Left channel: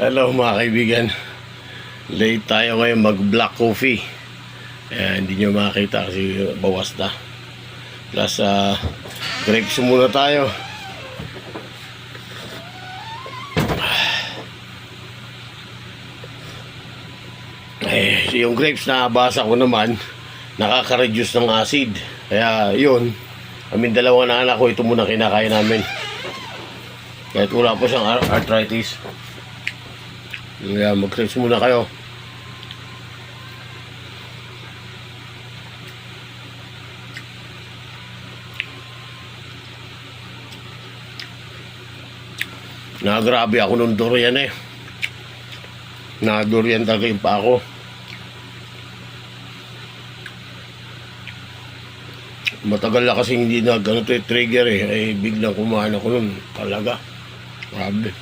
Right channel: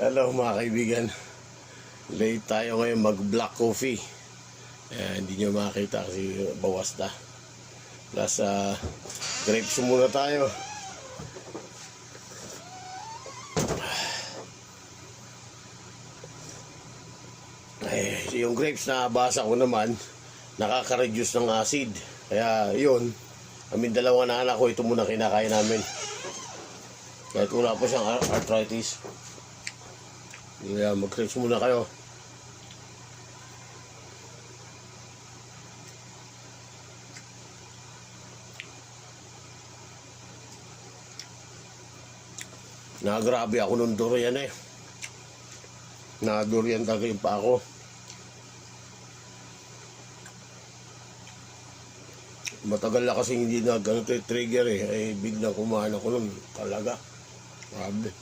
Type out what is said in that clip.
Hello mga kaibigan. Late tayo ngayon mag black coffee. Hindi nyo makakita kasi bawas na. Plus grapes muna tayo. Yung grapes na basa ko naman nakaka-reduce ng acid. Kaya yun, kaming dalawa na anak ko, ito muna kinakain namin. Kahit wala po siyang arthritis. Kaya mag-grapes muna kayo. Grabe ako nung durian eh. Durian talaga yung pa ako. Matagal na kasi hindi na ganito yung trigger eh. Ay biglang kumain ako nun talaga. Grabe.